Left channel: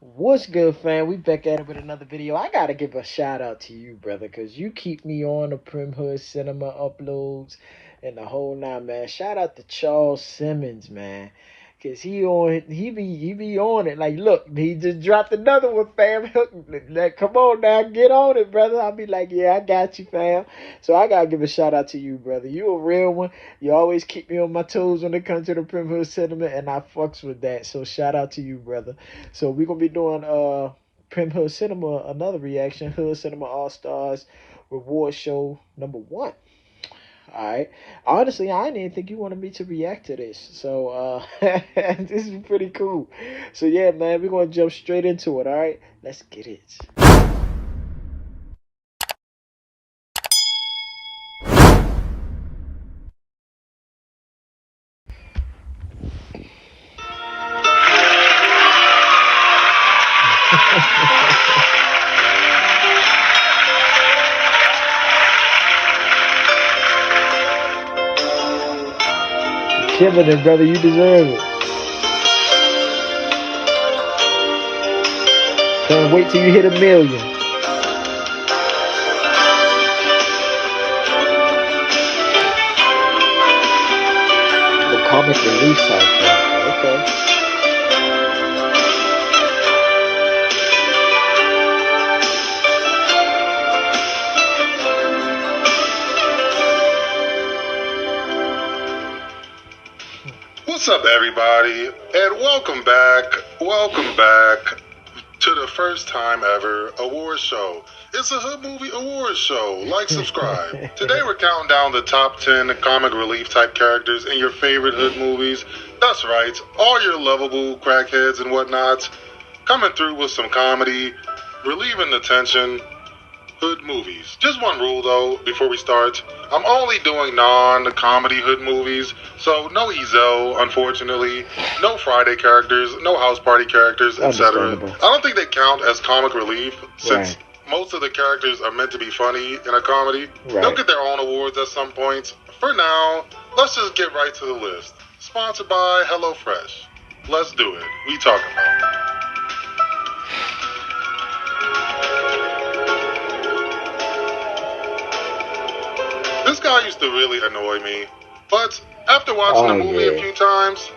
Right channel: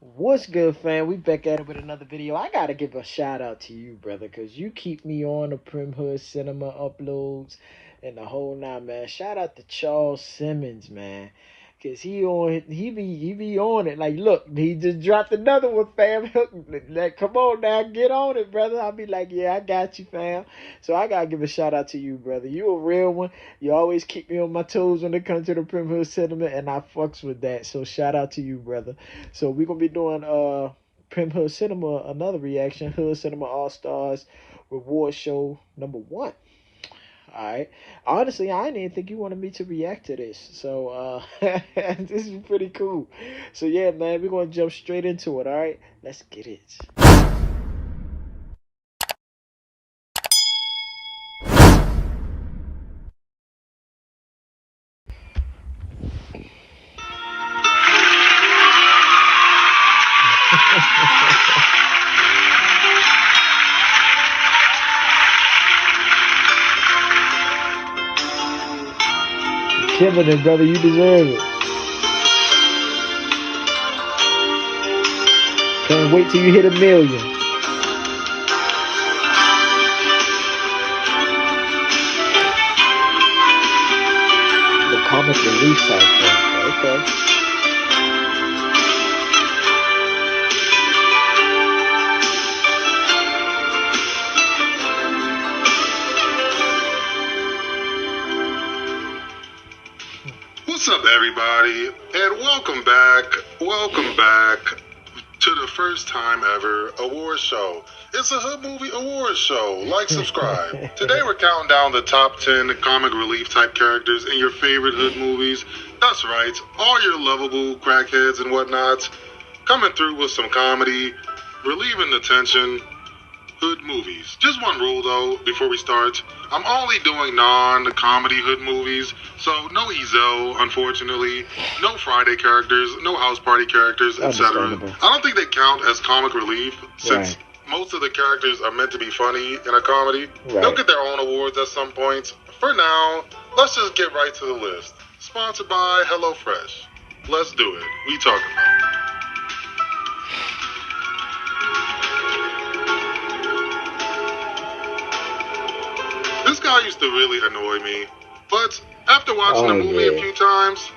What's good, fam? We back at it with another video. I gotta give a shout out to you, brother, because you keep me on the Primm Hood Cinema uploads and the whole nine, man. Shout out to Charles Simmons, man. Cause he be on it. Like, look, he just dropped another one, fam. Like, come on now, get on it, brother. I'll be like, yeah, I got you, fam. So I gotta give a shout out to you, brother. You a real one. You always keep me on my toes when it comes to the Primm Hood Cinema, and I fucks with that. So shout out to you, brother. So we're gonna be doing Primm Hood Cinema, another reaction, Hood Cinema AllStars Reward Show number 1. Alright. Honestly, I didn't even think you wanted me to react to this. So this is pretty cool. So yeah, man, we're gonna jump straight into it, alright? Let's get it. Killing it, brother. You deserve it. Can't wait till you hit 1,000,000. The comic relief soundtrack. Okay. What's up, everybody, and welcome back to the first time ever award show. It's a Hood Movie Award Show. Like, subscribe. Today we're counting down the top 10 comic relief type characters in your favorite Hood movies. That's right, all your lovable crackheads and whatnot, coming through with some comedy, relieving the tension. Hood movies. Just one rule though, before we start. I'm only doing non-comedy Hood movies, so no Ezo, unfortunately, no Friday characters, no house party characters, etc. I don't think they count as comic relief, since most of the characters are meant to be funny in a comedy. They'll get their own awards at some point. For now, let's just get right to the list. Sponsored by HelloFresh. Let's do it. We talking about? This guy used to really annoy me, but after watching the movie a few times,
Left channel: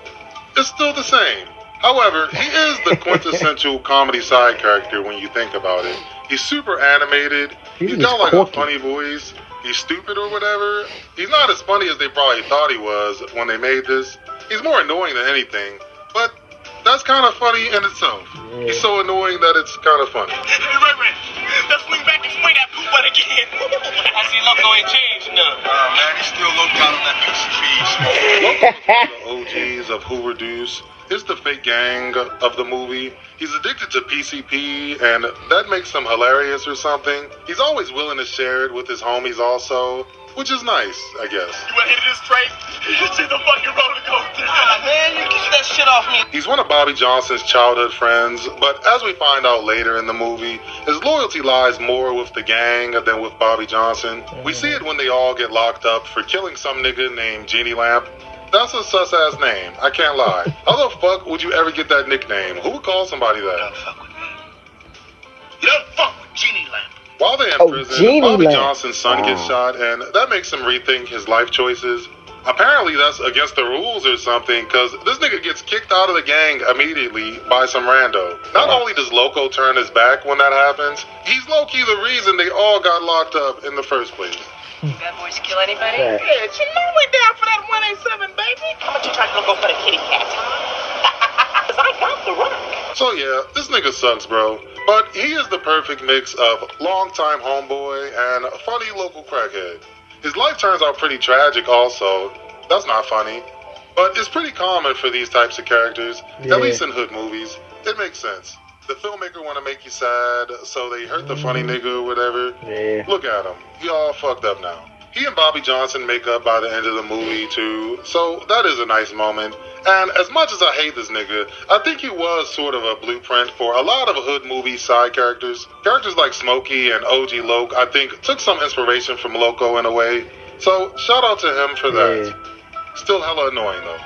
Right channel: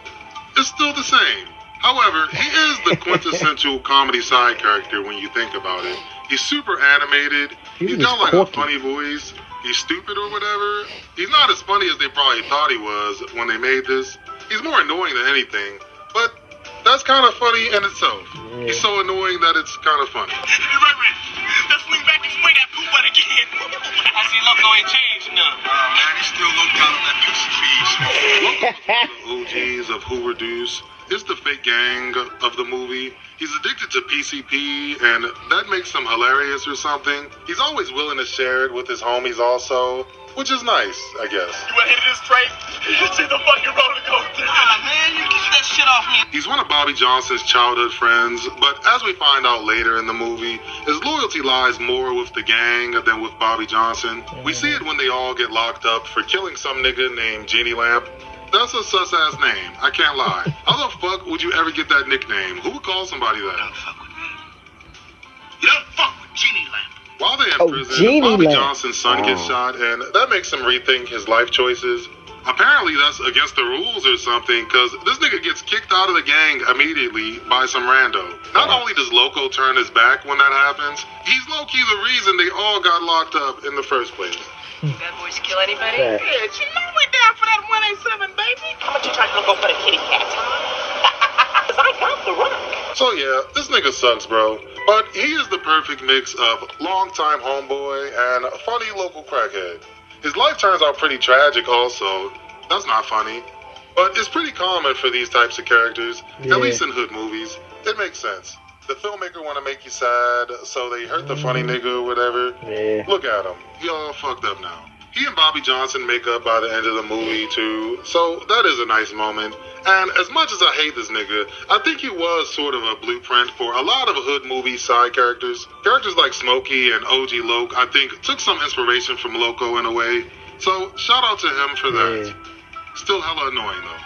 it's still the same. However, he is the quintessential comedy side character when you think about it. He's super animated, he's got like a funny voice, he's stupid or whatever. He's not as funny as they probably thought he was when they made this. He's more annoying than anything, but that's kind of funny in itself. He's so annoying that it's kind of funny. Let's swing back and spray that poop butt again. I see Loco ain't changed now. Man, he's still Loco out of that mixed cheese. Loco's the OGs of Hoover Deuce. It's the fake gang of the movie. He's addicted to PCP, and that makes him hilarious or something. He's always willing to share it with his homies also, which is nice, I guess. You ready to this train? You see the fucking roller coaster. Ah, man, you get that shit off me. He's one of Bobby Johnson's childhood friends, but as we find out later in the movie, his loyalty lies more with the gang than with Bobby Johnson. We see it when they all get locked up for killing some nigga named Genie Lamp. That's a sus-ass name, I can't lie. How the fuck would you ever get that nickname? Who would call somebody that? Don't fuck with me. Don't fuck with Genie Lamp. While they're in prison, Bobby Johnson's son gets shot, and that makes him rethink his life choices. Apparently that's against the rules or something, because this nigga gets kicked out of the gang immediately by some rando. Not only does Loco turn his back when that happens, he's low-key the reason they all got locked up in the first place. Bad boys kill anybody? Yeah, you know we're down for that 187, baby. How much you trying to go for the kitty cat? Cause I got the rock. So yeah, this nigga sucks, bro. But he is the perfect mix of longtime homeboy and a funny local crackhead. His life turns out pretty tragic also. That's not funny. But it's pretty common for these types of characters, at least in Hood movies. It makes sense. The filmmaker want to make you sad, so they hurt the funny nigga or whatever. Look at him. He all fucked up now. He and Bobby Johnson make up by the end of the movie, too, so that is a nice moment. And as much as I hate this nigga, I think he was sort of a blueprint for a lot of Hood movie side characters. Characters like Smokey and OG Loke, I think, took some inspiration from Loco in a way. So, shout out to him for that. Still hella annoying, though.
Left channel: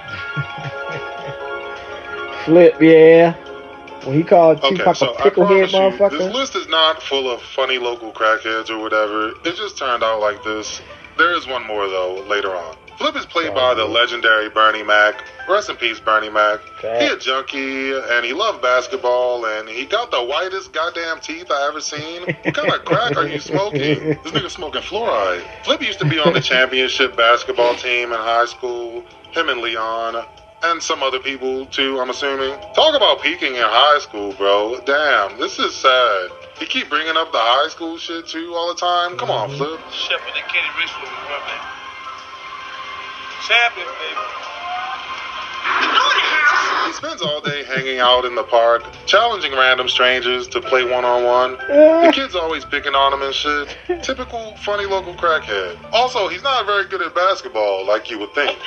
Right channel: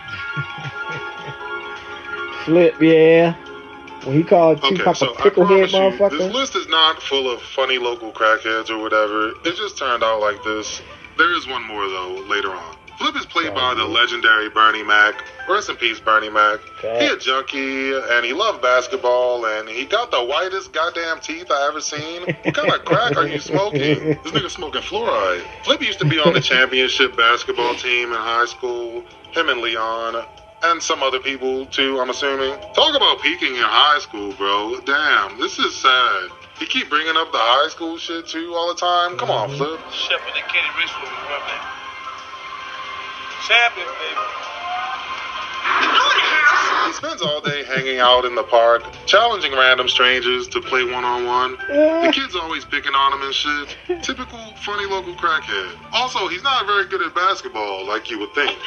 Flip, yeah. When he called Tupac a picklehead motherfucker. This list is not full of funny local crackheads or whatever. It just turned out like this. There is one more, though, later on. Flip is played by the legendary Bernie Mac. Rest in peace, Bernie Mac. He a junkie, and he loved basketball, and he got the whitest goddamn teeth I ever seen. What kind of crack are you smoking? This nigga smoking fluoride. Flip used to be on the championship basketball team in high school. Him and Leon. And some other people, too, I'm assuming. Talk about peaking in high school, bro. Damn, this is sad. You keep bringing up the high school shit, too, all the time? Come on, Flip. Shit, but they can't reach what we want. Champion, baby. He spends all day hanging out in the park, challenging random strangers to play one-on-one. The kids always picking on him and shit. Typical funny local crackhead. Also, he's not very good at basketball, like you would think.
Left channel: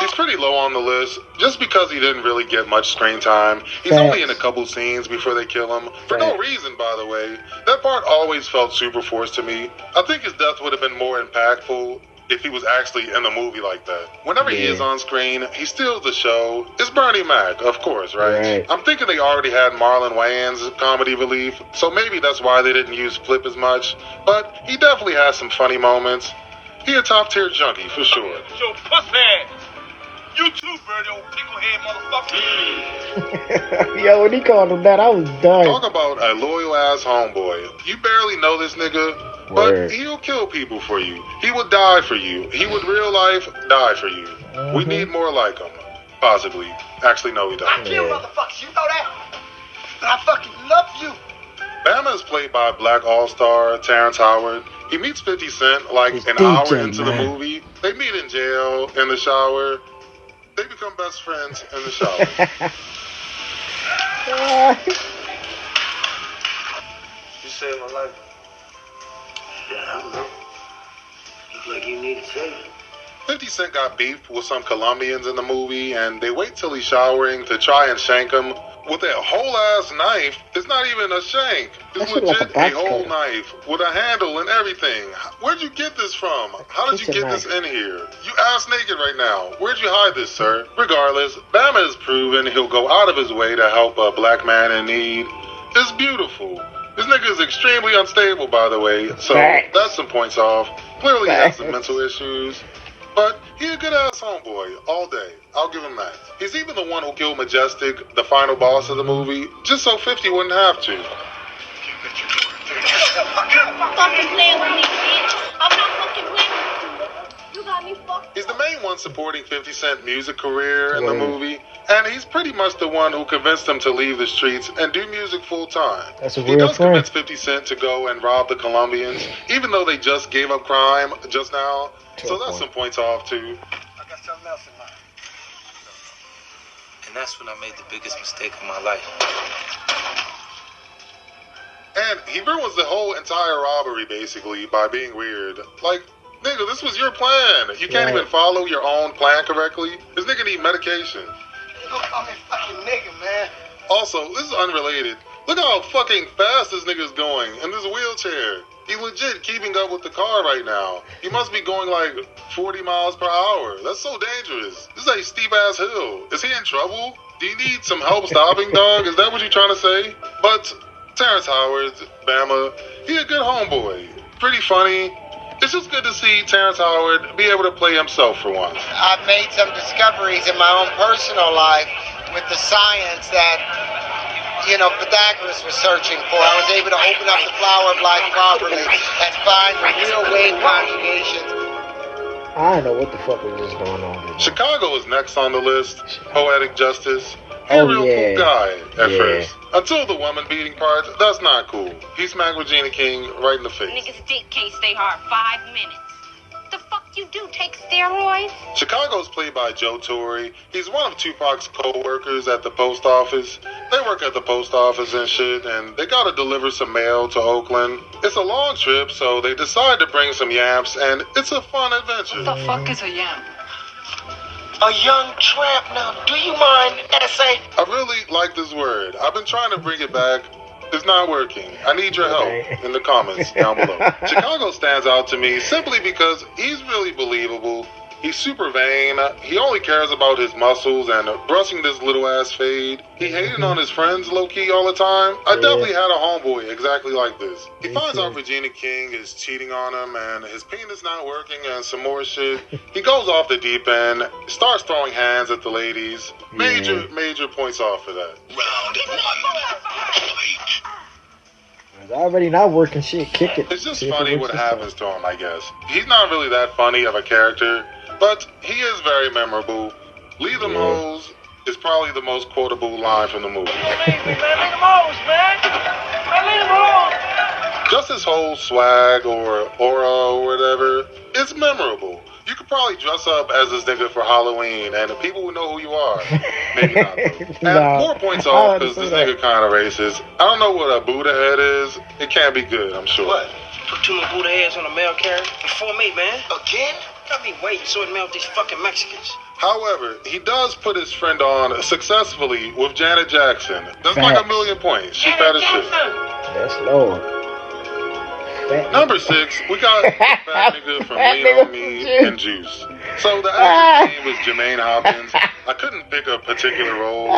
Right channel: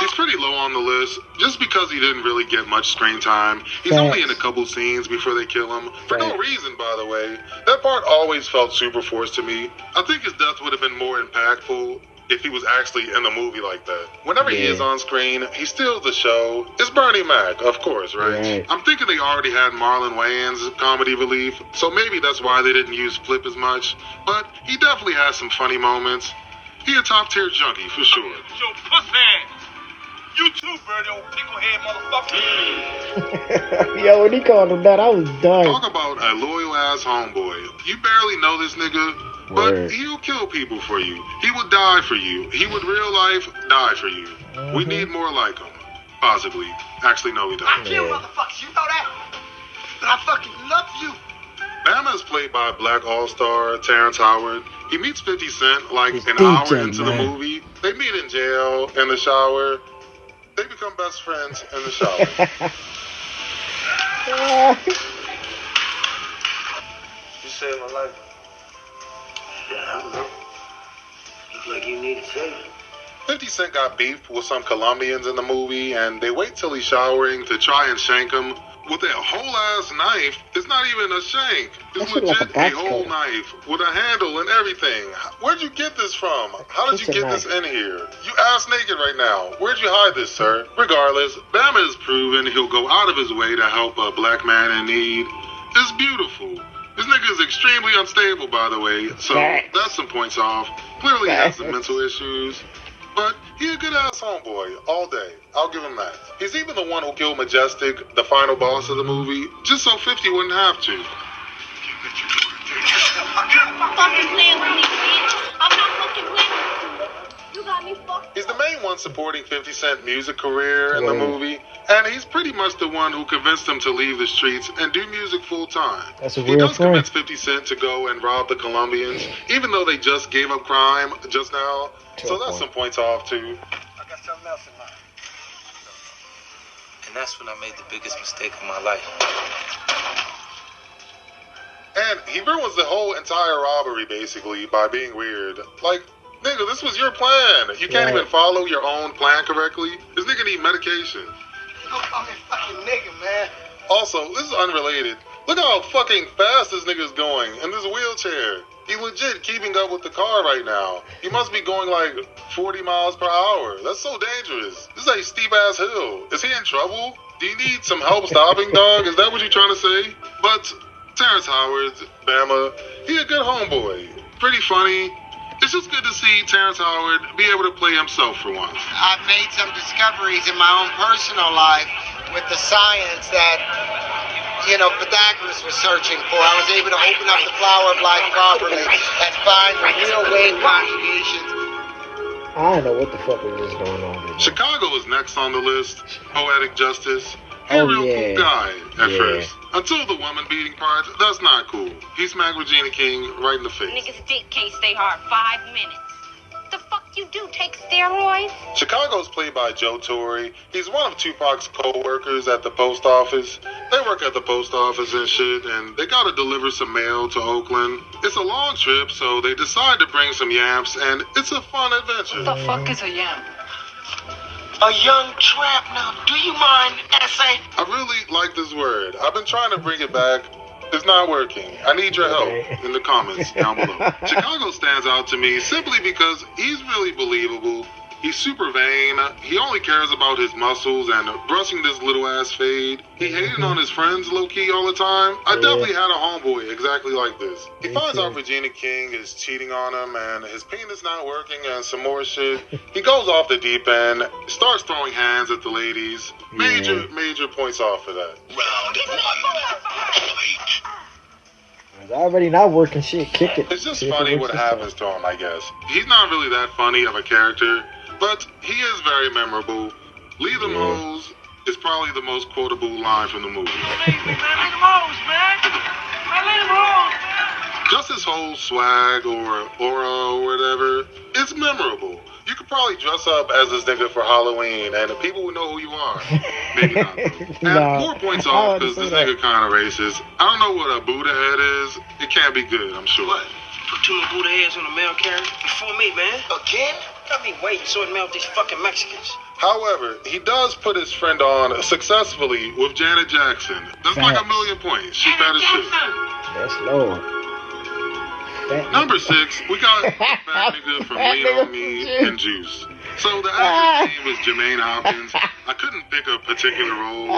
He's pretty low on the list, just because he didn't really get much screen time. He's only in a couple scenes before they kill him. For no reason, by the way. That part always felt super forced to me. I think his death would have been more impactful if he was actually in the movie like that. Whenever he is on screen, he steals the show. It's Bernie Mac, of course, right? I'm thinking they already had Marlon Wayans' comedy relief, so maybe that's why they didn't use Flip as much. But he definitely has some funny moments. He a top-tier junkie, for sure. So, pussy. You too, Bernie, old picklehead motherfucker. Yo, when he called him that, I was done. Talk about a loyal-ass homeboy. You barely know this nigga, but he'll kill people for you. He would die for you. He would real life die for you. We need more like him. Possibly. Actually, no, we don't. I kill motherfuckers, you know that? But I fucking love you. Bama is played by Black All-Star Terrence Howard. He meets 50 Cent like an hour into the movie. They meet in jail, in the shower. They become best friends in the shower. You saved my life. Yeah, I know. Looks like you need a saving. 50 Cent got beef with some Colombians in the movie, and they wait till he's showering to try and shank him with a whole-ass knife. It's not even a shank. It's legit a whole knife with a handle and everything. Where'd you get this from? How did you get this in here? You ass naked right now. Where'd you hide this, sir? Regardless, Bama has proven he'll go out of his way to help a black man in need. It's beautiful. This nigga is extremely unstable, by the way, so that's some points off. Clearly he has some mental issues. But he a good-ass homeboy all day. I'll give him that. He's even the one who killed Majestic, the final boss of the movie, just so 50 wouldn't have to. He's the main one supporting 50 Cent's music career in the movie, and he's pretty much the one who convinced him to leave the streets and do music full-time. That's a real friend. He does convince 50 Cent to go and rob the Colombians, even though they just gave up crime just now. So that's some points off, too. I got something else in mind. And that's when I made the biggest mistake of my life. And he ruins the whole entire robbery, basically, by being weird. Like, nigga, this was your plan. You can't even follow your own plan correctly. This nigga need medication. I'm a fucking nigga, man. Also, this is unrelated. Look how fucking fast this nigga's going in this wheelchair. He legit keeping up with the car right now. He must be going like 40 miles per hour. That's so dangerous. This is a steep-ass hill. Is he in trouble? Do you need some help stopping, dog? Is that what you're trying to say? But Terrence Howard, Bama, he a good homeboy. Pretty funny. It's just good to see Terrence Howard be able to play himself for once. I've made some discoveries in my own personal life with the science that Pythagoras was searching for. I was able to open up the flower of life properly and find the real wave conjugations. I don't know what the fuck was just going on with Chicago is next on the list. Poetic Justice. He's a real cool guy at first. Until the woman beating part, that's not cool. He smacked Regina King right in the face. Niggas' dick can't stay hard 5 minutes. The fuck you do, take steroids? Chicago's played by Tori. He's one of Tupac's co-workers at the post office. They work at the post office and shit, and they gotta deliver some mail to Oakland. It's a long trip, so they decide to bring some yamps, and it's a fun adventure. What the fuck is a yamp? A young tramp. Now, do you mind, essay? I really like this word. I've been trying to bring it back. It's not working. I need your help in the comments down below. Chicago stands out to me simply because he's really believable. He's super vain. He only cares about his muscles and brushing this little ass fade. He hated on his friends low-key all the time. I definitely had a homeboy exactly like this. He finds out Regina King is cheating on him and his penis not working and some more shit. He goes off the deep end, starts throwing hands at the ladies. Major points off for that. Round one. It's already not working shit. Kick it. It's just funny what happens to him, I guess. He's not really that funny of a character, but he is very memorable. Leave them hoes is probably the most quotable line from the movie. Just his whole swag or aura or whatever, it's memorable. You could probably dress up as this nigga for Halloween, and the people would know who you are. Maybe not. And more points off because this nigga kind of racist. I don't know what a Buddha head is. It can't be good, I'm sure. What? Put too many Buddha heads on a mail carrier before me, man. Again? Got me waiting sorting out these fucking Mexicans. However, he does put his friend on successfully with Janet Jackson. That's like 1,000,000 points. She fat as shit. That's low. Number 6, we got Fat Nigga from Leon, Me, and Juice. So the actor's name was Jermaine Hopkins. I couldn't pick a particular role.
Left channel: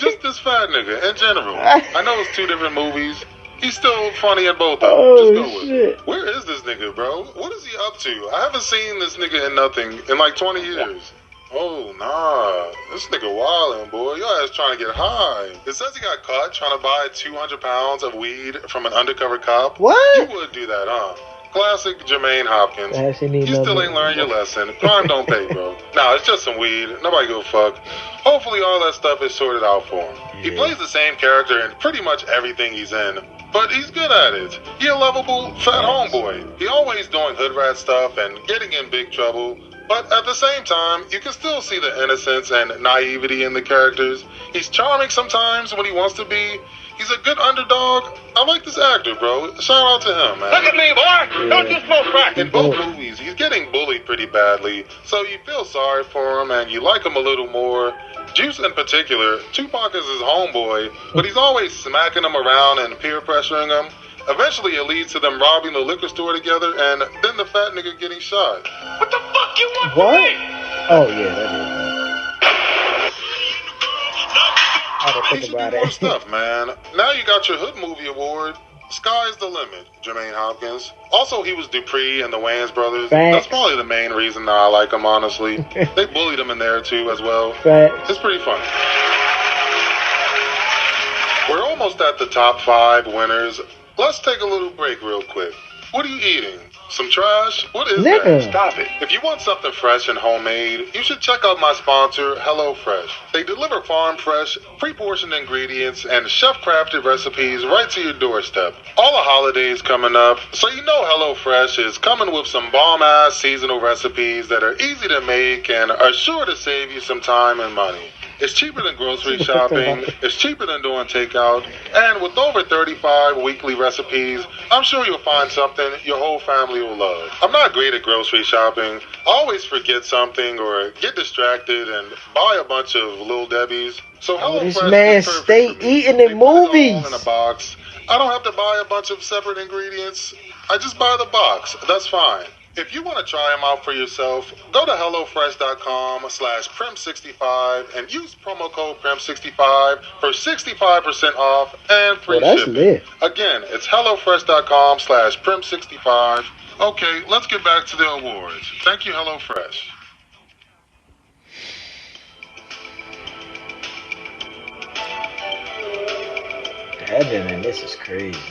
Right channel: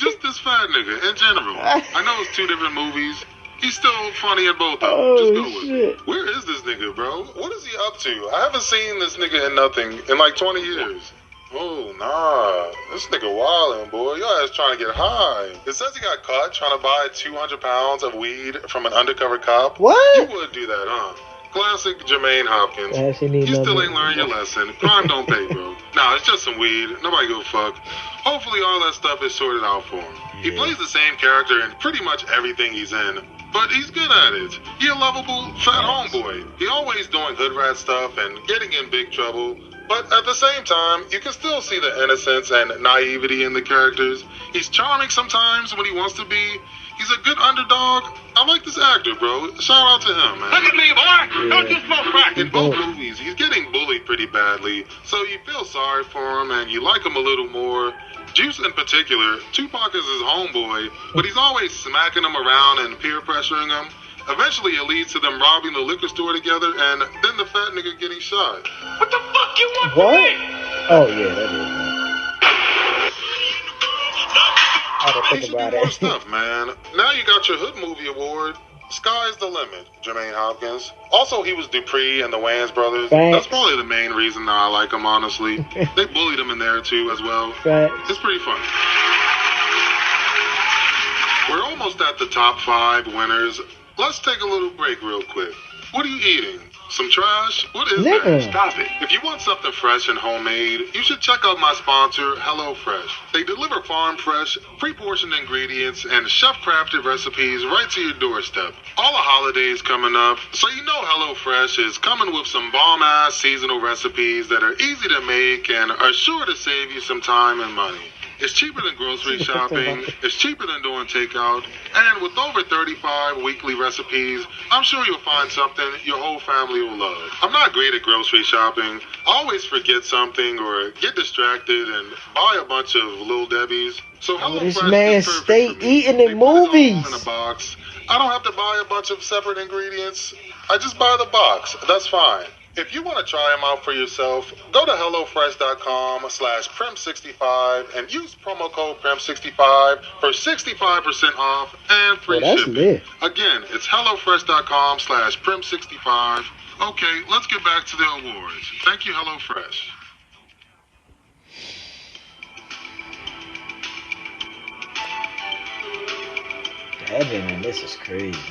Just this fat nigga in general. I know it's 2 different movies. He's still funny in both of them. Oh, Just go with shit. it. Where is this nigga, bro? What is he up to? I haven't seen this nigga in nothing in like 20 years. Oh, nah. This nigga wildin', boy. Your ass trying to get high. It says he got caught trying to buy 200 pounds of weed from an undercover cop. What? You would do that, huh? Classic Jermaine Hopkins. You still ain't learned your lesson. Crime don't pay, bro. Nah, it's just some weed. Nobody give a fuck. Hopefully all that stuff is sorted out for him. He plays the same character in pretty much everything he's in, but he's good at it. He a lovable fat homeboy. He always doing hood rat stuff and getting in big trouble. But at the same time, you can still see the innocence and naivety in the characters. He's charming sometimes when he wants to be. He's a good underdog. I like this actor, bro. Shout out to him, man. Look at me, boy. Don't get smoke crack. In both movies, he's getting bullied pretty badly, so you feel sorry for him and you like him a little more. Juice in particular, Tupac is his homeboy, but he's always smacking him around and peer pressuring him. Eventually, it leads to them robbing the liquor store together, and then the fat nigga getting shot. What the fuck you want? What? Oh, yeah, that is. I don't think about it. Stuff, man. Now you got your Hood Movie Award. Sky's the limit, Jermaine Hopkins. Also, he was Dupree and the Wayans brothers. That's probably the main reason I like him, honestly. They bullied him in there, too, as well. It's pretty funny. We're almost at the top 5 winners. Let's take a little break real quick. What are you eating? Some trash? What is that? Stop it. If you want something fresh and homemade, you should check out my sponsor, HelloFresh. They deliver farm fresh, pre-portioned ingredients, and chef-crafted recipes right to your doorstep. All the holidays coming up, so you know HelloFresh is coming with some bomb-ass seasonal recipes that are easy to make and are sure to save you some time and money. It's cheaper than grocery shopping, it's cheaper than doing takeout, and with over 35 weekly recipes, I'm sure you'll find something your whole family will love. I'm not great at grocery shopping. I always forget something or get distracted and buy a bunch of Little Debbie's. So this man stay eating in movies. In a box. I don't have to buy a bunch of separate ingredients. I just buy the box. That's fine. If you want to try them out for yourself, go to HelloFresh.com/Primm65 and use promo code Primm65 for 65% off and free shipping. Lit. Again, it's HelloFresh.com/Primm65. Okay, let's get back to the awards. Thank you, HelloFresh. Heaven, and this is crazy.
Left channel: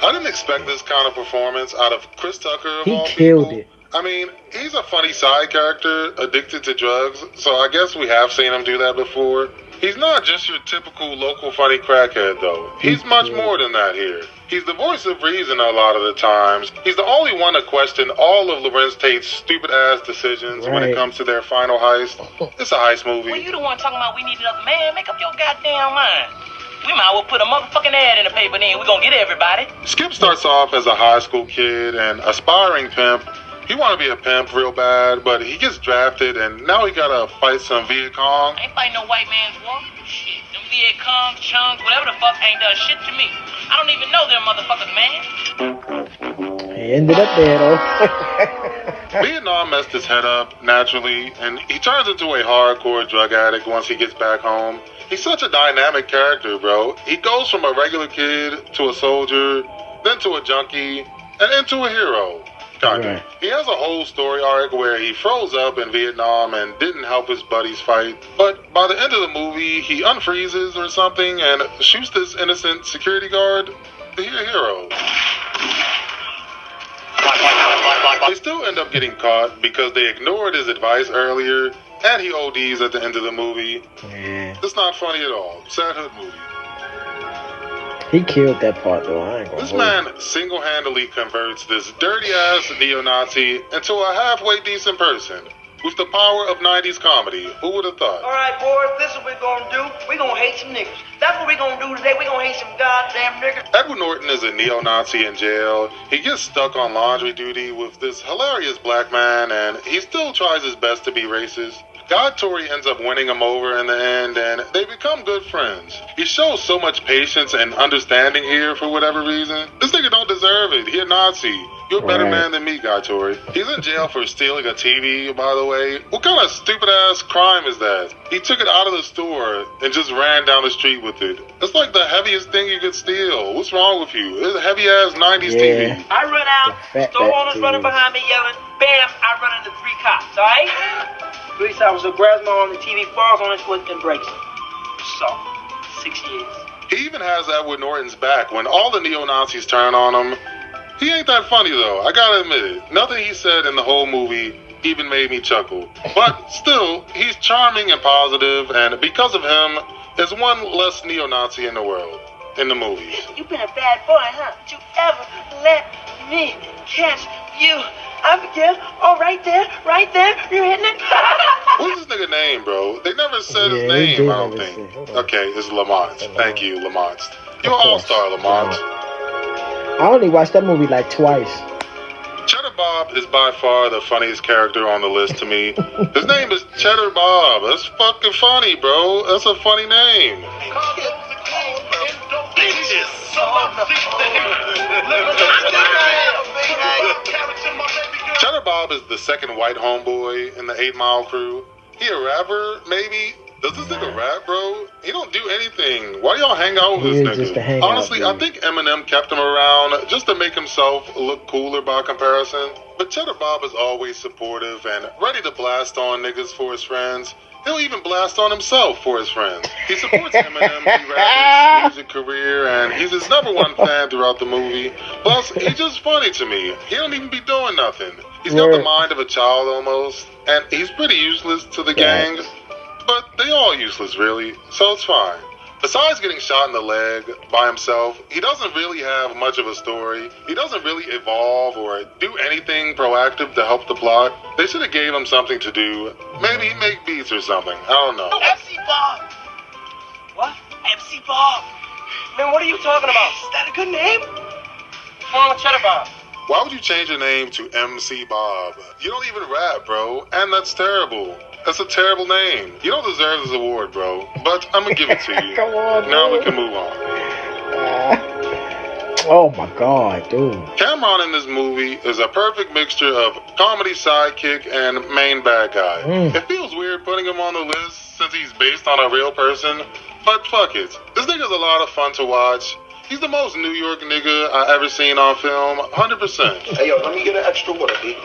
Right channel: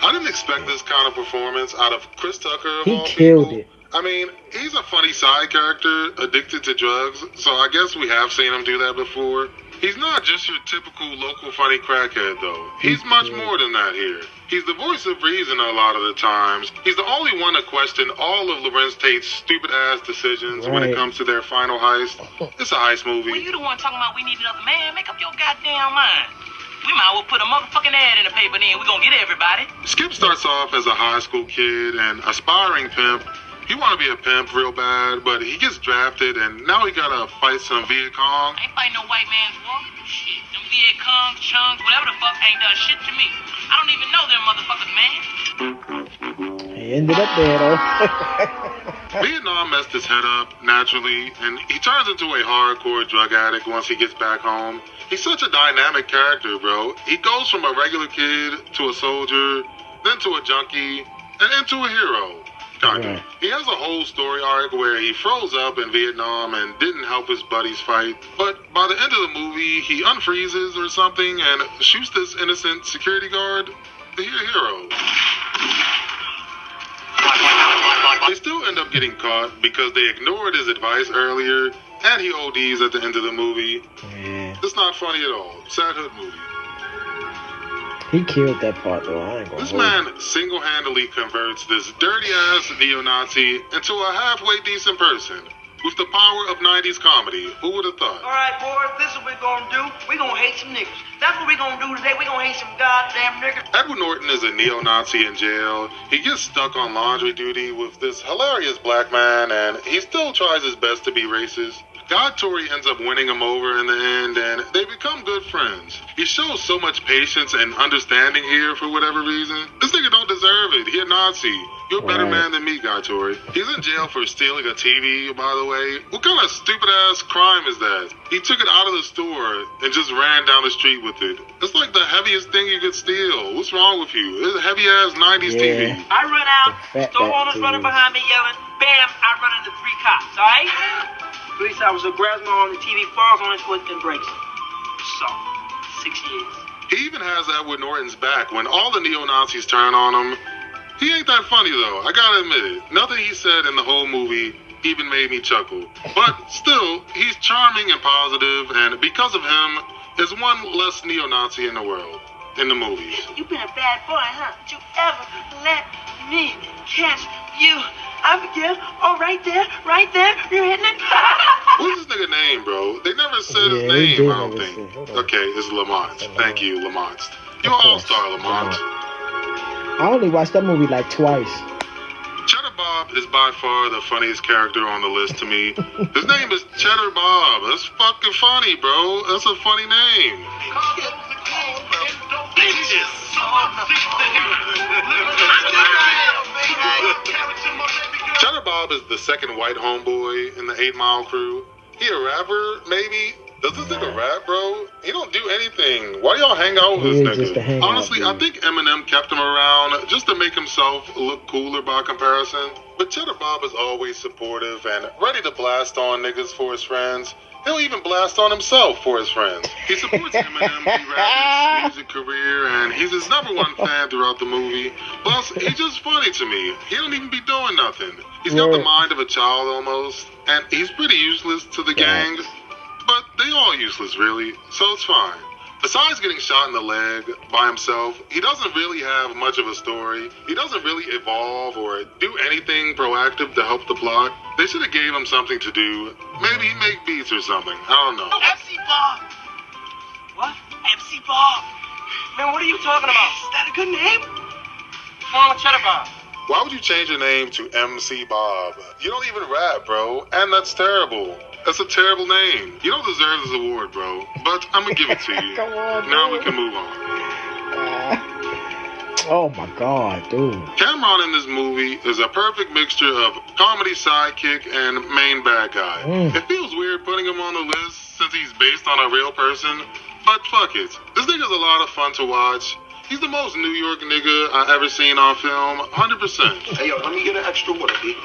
I didn't expect this kind of performance out of Chris Tucker. He killed it. I mean, he's a funny side character addicted to drugs, so I guess we have seen him do that before. He's not just your typical local funny crackhead, though. He's much more than that here. He's the voice of reason a lot of the times. He's the only one to question all of Lorenz Tate's stupid-ass decisions when it comes to their final heist. It's a heist movie. Well, you the one talking about we need another man. Make up your goddamn mind. We might as well put a motherfucking ad in the paper, then we're gonna get everybody. Skip starts off as a high school kid and aspiring pimp. He want to be a pimp real bad, but he gets drafted, and now he gotta fight some Viet Cong. I ain't fighting no white man's war. Shit, them Viet Congs, Chungs, whatever the fuck ain't done shit to me. I don't even know them motherfuckers, man. He ended up there, though. Vietnam messed his head up naturally, and he turns into a hardcore drug addict once he gets back home. He's such a dynamic character, bro. He goes from a regular kid to a soldier, then to a junkie, and into a hero. Right. He has a whole story arc where he froze up in Vietnam and didn't help his buddies fight. But by the end of the movie, he unfreezes or something and shoots this innocent security guard. He's a hero. They still end up getting caught because they ignored his advice earlier, and he ODs at the end of the movie. Yeah. It's not funny at all. Sad hood movie. He killed that part, though. I ain't gonna This man single-handedly converts this dirty-ass neo-Nazi into a halfway decent person with the power of 90s comedy. Who would have thought? All right, boys, this is what we're going to do. We're going to hate some niggas. That's what we're going to do today. We're going to hate some goddamn niggas. Edward Norton is a neo-Nazi in jail. He gets stuck on laundry duty with this hilarious black man, and he still tries his best to be racist. Tori ends up winning him over in the end, and they become good friends. He shows so much patience and understanding here for whatever reason. This nigga don't deserve it. He a Nazi. You're a better man than me, Tori. He's in jail for stealing a TV, by the way. What kind of stupid-ass crime is that? He took it out of the store and just ran down the street with it. That's like the heaviest thing you could steal. What's wrong with you? It's a heavy-ass 90s TV. I run out, store owners running behind me yelling, bam, I run into 3 cops, all right? Police officer grabs my arm, the TV falls on his foot and breaks it. So, 6 years. He even has Edward Norton's back when all the neo-Nazis turn on him. He ain't that funny, though. I gotta admit it. Nothing he said in the whole movie even made me chuckle. But still, he's charming and positive, and because of him, there's one less neo-Nazi in the world, in the movies. You've been a bad boy, huh? Did you ever let me catch you? I'm again. Oh, right there. You're hitting it. What's this nigga name, bro? They never said his name, I don't think. Okay, it's Lamont. Thank you, Lamont. You're an all-star, Lamont. I only watched that movie like twice. Cheddar Bob is by far the funniest character on the list to me. His name is Cheddar Bob. That's fucking funny, bro. That's a funny name. Cheddar Bob is the second white homeboy in the 8 Mile crew. He a rapper, maybe? Does this nigga rap, bro? He don't do anything. Why y'all hang out with this nigga? Honestly, I think Eminem kept him around just to make himself look cooler by comparison. But Cheddar Bob is always supportive and ready to blast on niggas for his friends. He'll even blast on himself for his friends. He supports Eminem throughout his music career, and he's his #1 fan throughout the movie. Plus, he's just funny to me. He don't even be doing nothing. He's got the mind of a child almost, and he's pretty useless to the gang. But they all useless, really, so it's fine. Besides getting shot in the leg by himself, he doesn't really have much of a story. He doesn't really evolve or do anything proactive to help the plot. They should have gave him something to do. Maybe make beats or something. I don't know. MC Bob! What? MC Bob! Man, what are you talking about? Is that a good name? What's wrong with Cheddar Bob? Why would you change your name to MC Bob? You don't even rap, bro, and that's terrible. That's a terrible name. You don't deserve this award, bro. But I'm gonna give it to you. Come on, now we can move on. Oh my God, dude. Cameron in this movie is a perfect mixture of comedy sidekick and main bad guy. It feels weird putting him on the list since he's based on a real person, but fuck it. This nigga's a lot of fun to watch. He's the most New York nigga I ever seen on film, 100%. Hey, yo, let me get an extra water, B.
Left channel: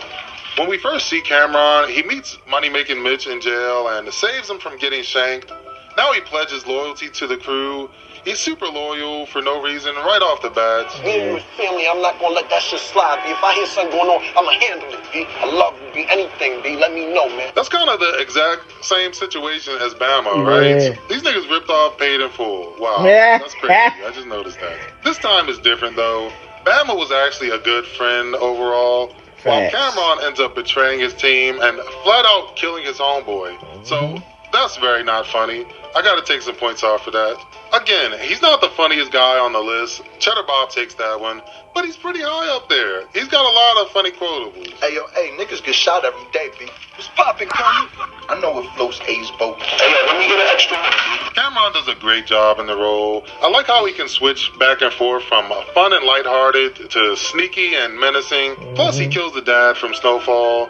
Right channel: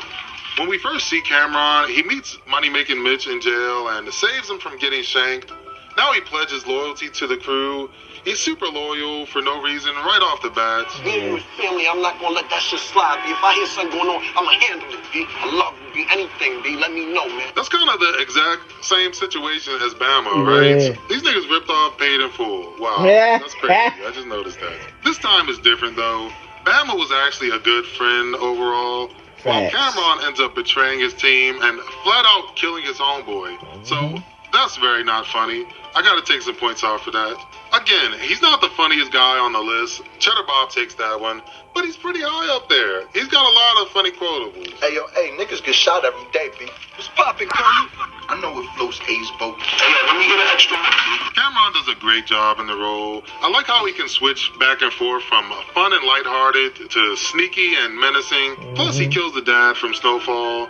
When we first see Cameron, he meets Money-Making Mitch in jail and saves him from getting shanked. Now he pledges loyalty to the crew. He's super loyal for no reason right off the bat. Hey, family, I'm not gonna let that shit slide, B. If I hear something going on, I'ma handle it, B. I love you, B. Anything, B. Let me know, man. That's kind of the exact same situation as Bama, right? These niggas ripped off Paid in Full. Wow, that's crazy. I just noticed that. This time is different, though. Bama was actually a good friend overall. While Cameron ends up betraying his team and flat out killing his homeboy. So, That's very not funny. I gotta take some points off for that. Again, he's not the funniest guy on the list. Cheddar Bob takes that one, but he's pretty high up there. He's got a lot of funny quotables. Hey, niggas get shot every day, B. What's poppin', Tommy? I know it floats A's boat. Hey, let me get an extra one. Cameron does a great job in the role. I like how he can switch back and forth from fun and lighthearted to sneaky and menacing. Plus, he kills the dad from Snowfall.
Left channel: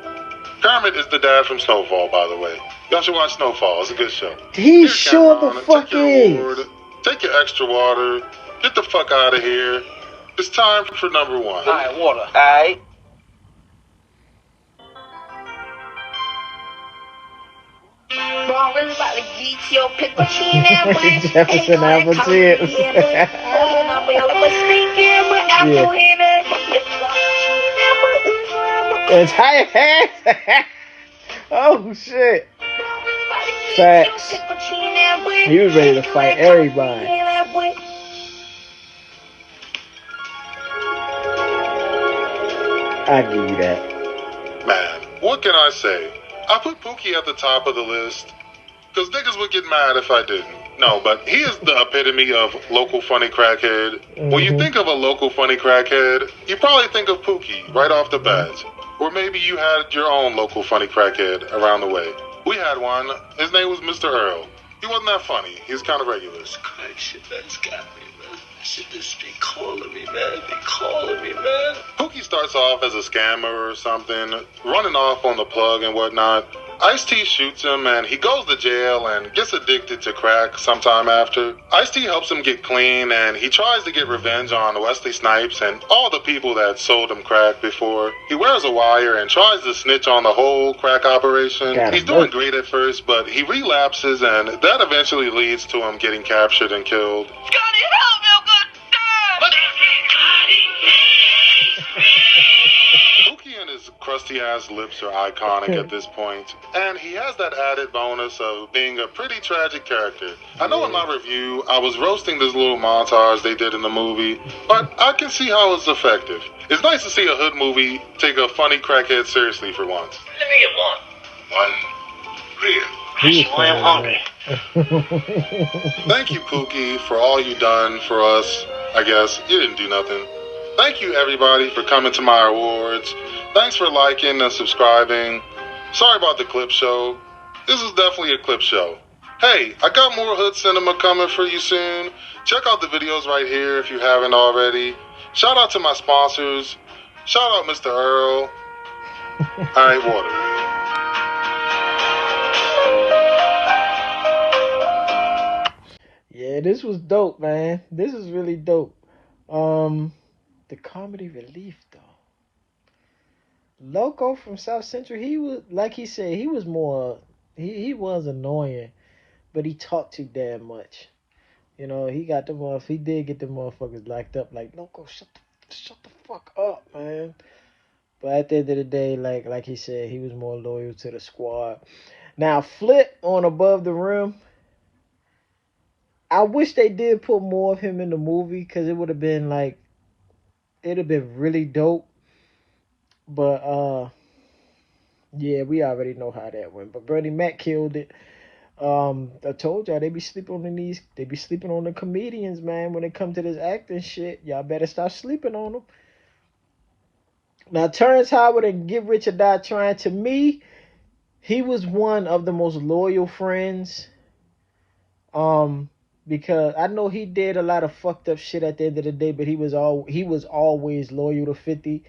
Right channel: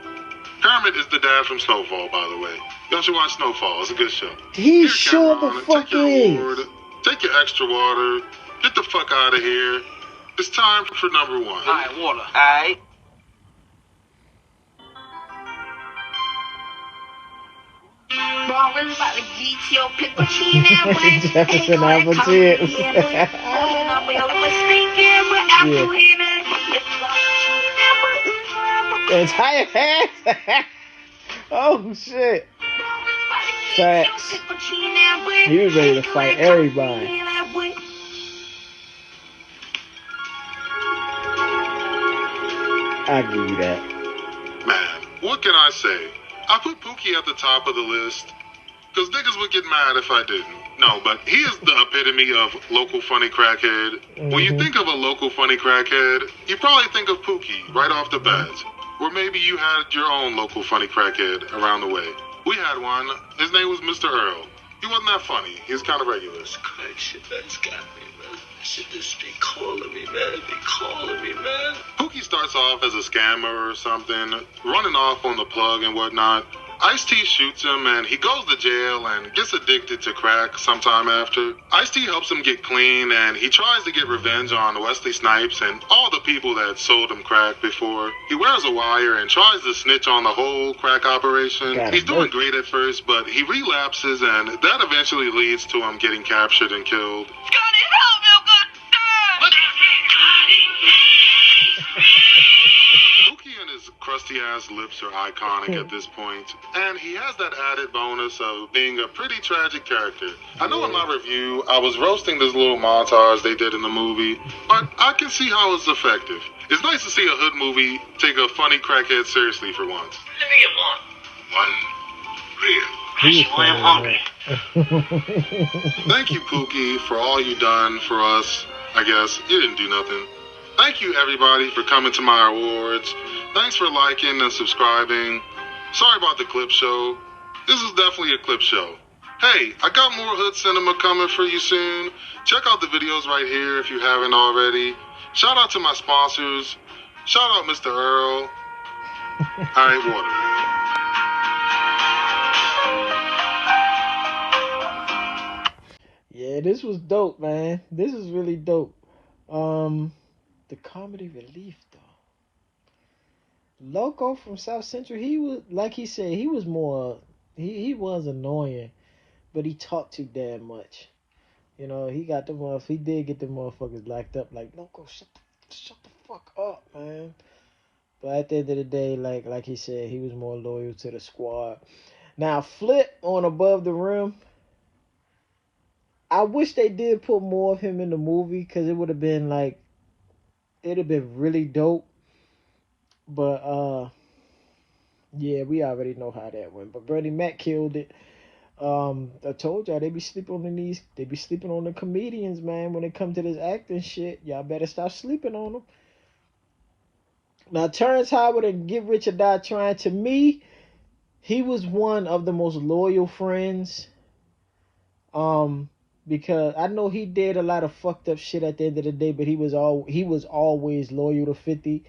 Kermit is the dad from Snowfall, by the way. Y'all should watch Snowfall. It's a good show. He sure the fuck is. Take your extra water. Get the fuck out of here. It's time for number one. All right, water. All right. Jefferson Apple chips. The entire cast. Oh shit. Facts. He was ready to fight everybody. I give you that. Man, what can I say? I put Pookie at the top of the list because niggas would get mad if I didn't. No, but he is the epitome of local funny crackhead. When you think of a local funny crackhead, you probably think of Pookie right off the bat. Or maybe you had your own local funny crackhead around the way. We had one. His name was Mr. Earl. He wasn't that funny. He was kind of regular. This crack shit that's got me, man. Shit just be calling me, man. Be calling me, man. Pookie starts off as a scammer or something, running off on the plug and whatnot. Ice-T shoots him and he goes to jail and gets addicted to crack sometime after. Ice-T helps him get clean and he tries to get revenge on Wesley Snipes and all the people that sold him crack before. He wears a wire and tries to snitch on the whole crack operation. He's doing great at first, but he relapses and that eventually leads to him getting captured and killed. Pookie and his crusty ass lips are iconic at this point, and he has that added bonus of being a pretty tragic character. I know in my review I was roasting this little montage they did in the movie, but I can see how it's effective. It's nice to see a hood movie take a funny crackhead seriously for once. Let me get one. One. Thank you, Pookie, for all you done for us. I guess you didn't do nothing. Thank you, everybody, for coming to my awards. Thanks for liking and subscribing. Sorry about the clip show. This is definitely a clip show. Hey, I got more hood cinema coming for you soon. Check out the videos right here if you haven't already. Shout out to my sponsors. Shout out Mr. Earl. All right, water. Yeah, this was dope, man. This is really dope. The comedy relief though. Loco from South Central, he was, like he said, he was more, he was annoying, but he talked too damn much. You know, he got the he did get the motherfuckers locked up. Like, Loco, shut the fuck up, man. But at the end of the day, like he said, he was more loyal to the squad. Now, Flip on Above the Rim, I wish they did put more of him in the movie because it would have been like, it'd have been really dope. But yeah, we already know how that went. But Bernie Mac killed it. I told y'all they be sleeping on the comedians, man. When it come to this acting shit, y'all better stop sleeping on them. Now, Terrence Howard and Get Rich or Die Tryin', to me, he was one of the most loyal friends. Because I know he did a lot of fucked up shit at the end of the day, but he was always loyal to 50,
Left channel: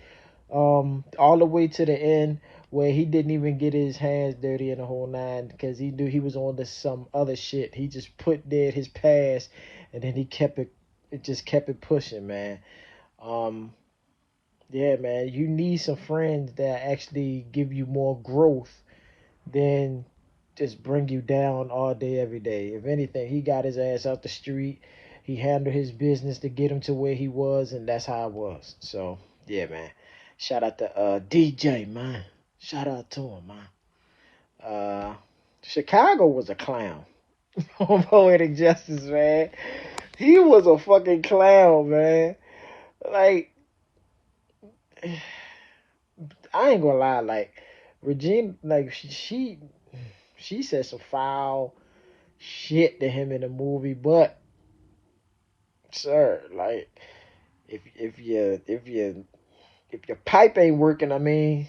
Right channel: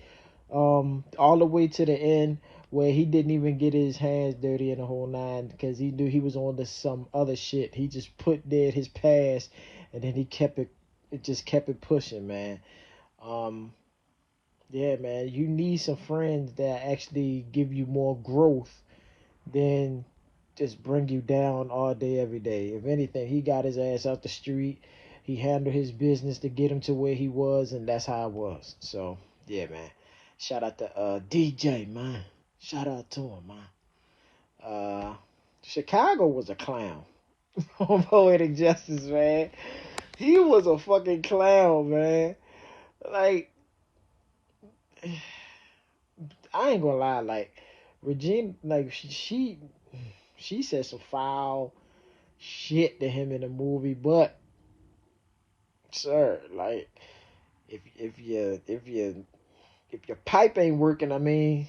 all the way to the end where he didn't even get his hands dirty in the whole nine because he knew he was on to some other shit. He just put dead his past, and then he kept it pushing, man. Yeah, man, you need some friends that actually give you more growth than just bring you down all day, every day. If anything, he got his ass out the street. He handled his business to get him to where he was, and that's how it was. So, yeah, man. Shout out to DJ, man. Shout out to him, man. Chicago was a clown on Poetic Justice, man. He was a fucking clown, man. Like, I ain't gonna lie, like, Regina, like, she said some foul shit to him in the movie, but sir, like if your pipe ain't working, I mean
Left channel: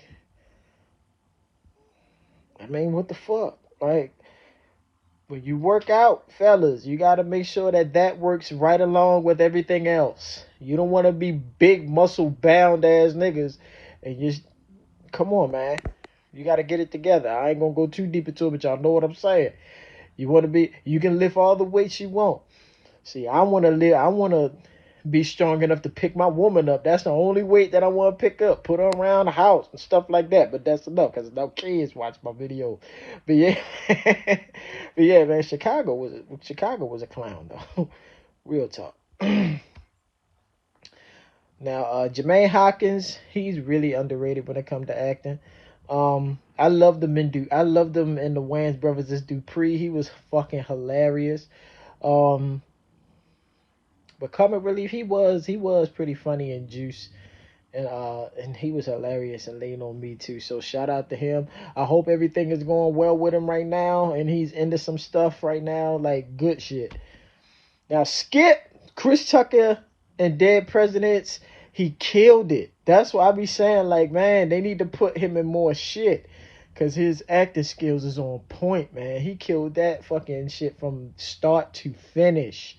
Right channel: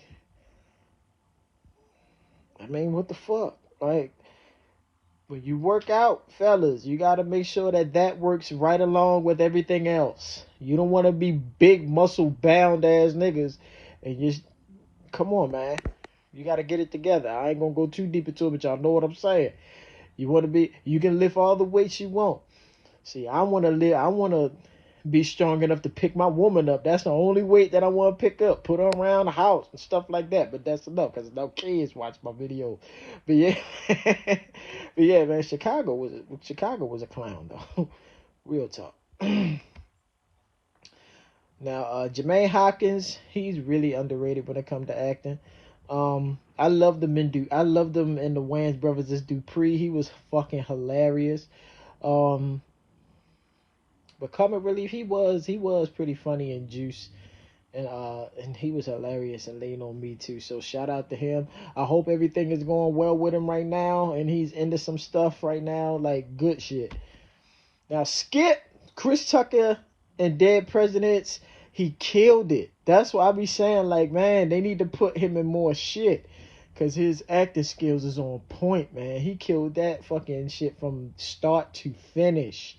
what the fuck? Like, when you work out, fellas, you got to make sure that works right along with everything else. You don't want to be big muscle bound ass niggas and just come on, man. You got to get it together. I ain't gonna go too deep into it, but y'all know what I'm saying. You can lift all the weights you want. See, I want to be strong enough to pick my woman up. That's the only weight that I want to pick up. Put her around the house and stuff like that. But that's enough because no kids watch my video. But yeah, but yeah, man, Chicago was a clown though. Real talk. Now, Jermaine Hawkins, he's really underrated when it comes to acting. I loved him in the Wayans Brothers as Dupree. He was fucking hilarious. But comic relief, he was pretty funny in Juice, and he was hilarious and Lean on Me too. So shout out to him. I hope everything is going well with him right now, and he's into some stuff right now, like good shit. Now Skip, Chris Tucker, and Dead Presidents, he killed it. That's why I be saying, like, man, they need to put him in more shit, cause his acting skills is on point, man. He killed that fucking shit from start to finish.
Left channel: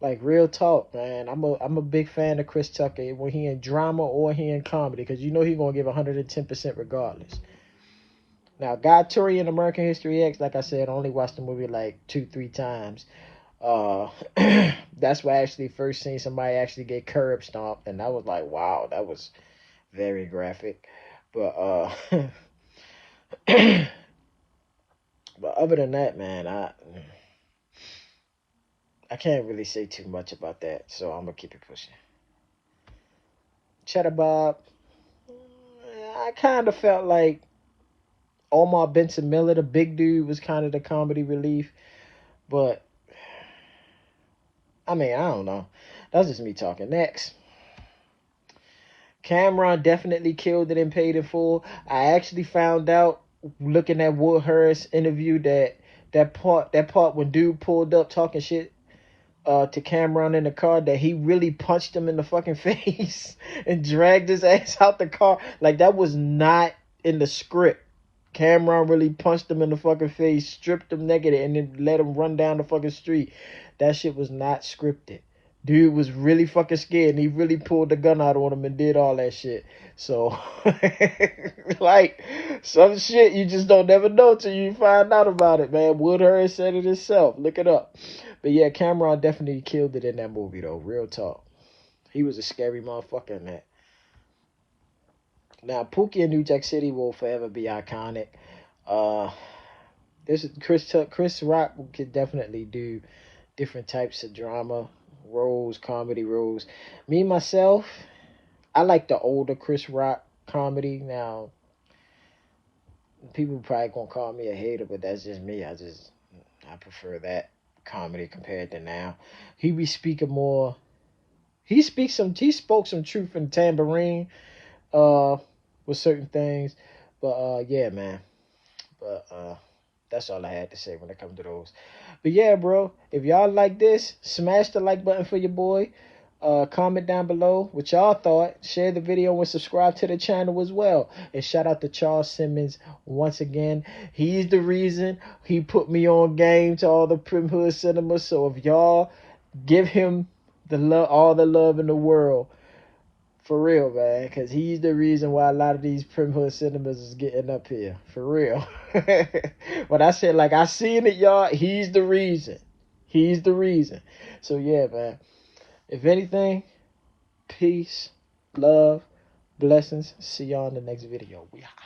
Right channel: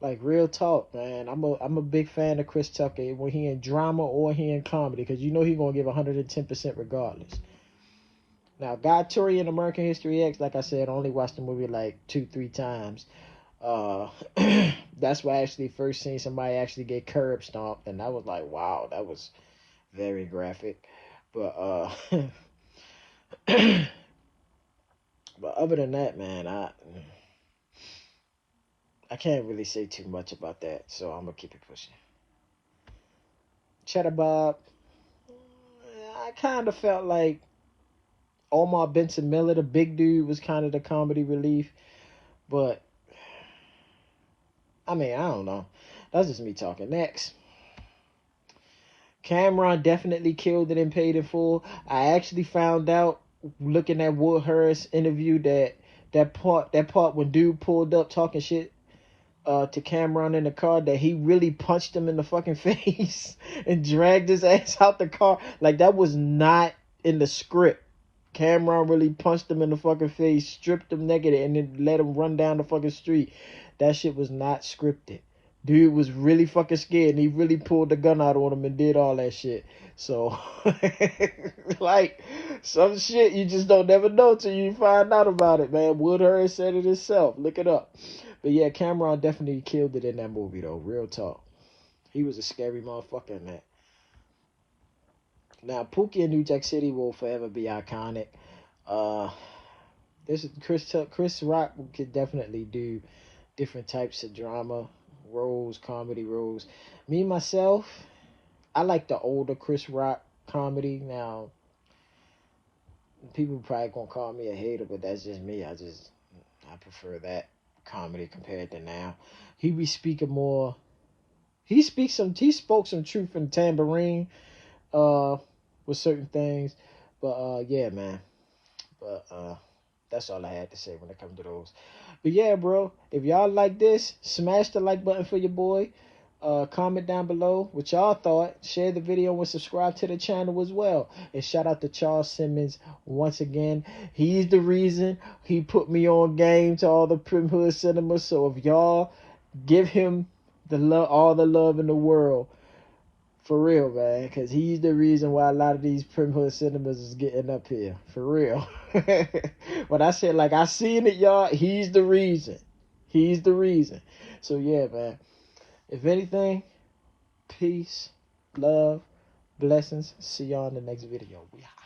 Like, real talk, man. I'm a big fan of Chris Tucker when he in drama or he in comedy, because you know he's going to give 110% regardless. Now, Tori in American History X, like I said, I only watched the movie like 2-3 times. That's why I actually first seen somebody actually get curb stomped, and I was like, wow, that was very graphic. But but other than that, man, I can't really say too much about that, so I'm gonna keep it pushing. Cheddar Bob, I kind of felt like Omar Benson Miller, the big dude, was kind of the comedy relief, but I mean, I don't know. That's just me talking. Next, Cameron definitely killed it and paid in full. I actually found out looking at Will Harris interview that part when dude pulled up talking shit to Cameron in the car, that he really punched him in the fucking face and dragged his ass out the car. Like, that was not in the script. Cameron really punched him in the fucking face, stripped him naked, and then let him run down the fucking street. That shit was not scripted. Dude was really fucking scared, and he really pulled the gun out on him and did all that shit. So, like, some shit you just don't never know till you find out about it, man. Will Harris said it himself. Look it up. But yeah, Cameron definitely killed it in that movie, though. Real talk. He was a scary motherfucker in that. Now, Pookie in New Jack City will forever be iconic. This is Chris Rock could definitely do different types of drama roles, comedy roles. Me, myself, I like the older Chris Rock comedy. Now, people probably gonna call me a hater, but that's just me. I prefer that comedy compared to now. He be speaking more. He spoke some truth in Tambourine, with certain things. But yeah, man. But that's all I had to say when it comes to those. But yeah, bro, if y'all like this, smash the like button for your boy. Comment down below what y'all thought. Share the video and subscribe to the channel as well. And shout out to Charles Simmons once again. He's the reason he put me on game to all the Primm Hood cinemas. So if y'all give him all the love in the world, for real, man, because he's the reason why a lot of these Primm Hood cinemas is getting up here. For real. When I said, like, I seen it, y'all, he's the reason. He's the reason. So yeah, man. If anything, peace, love, blessings. See y'all in the next video. We out.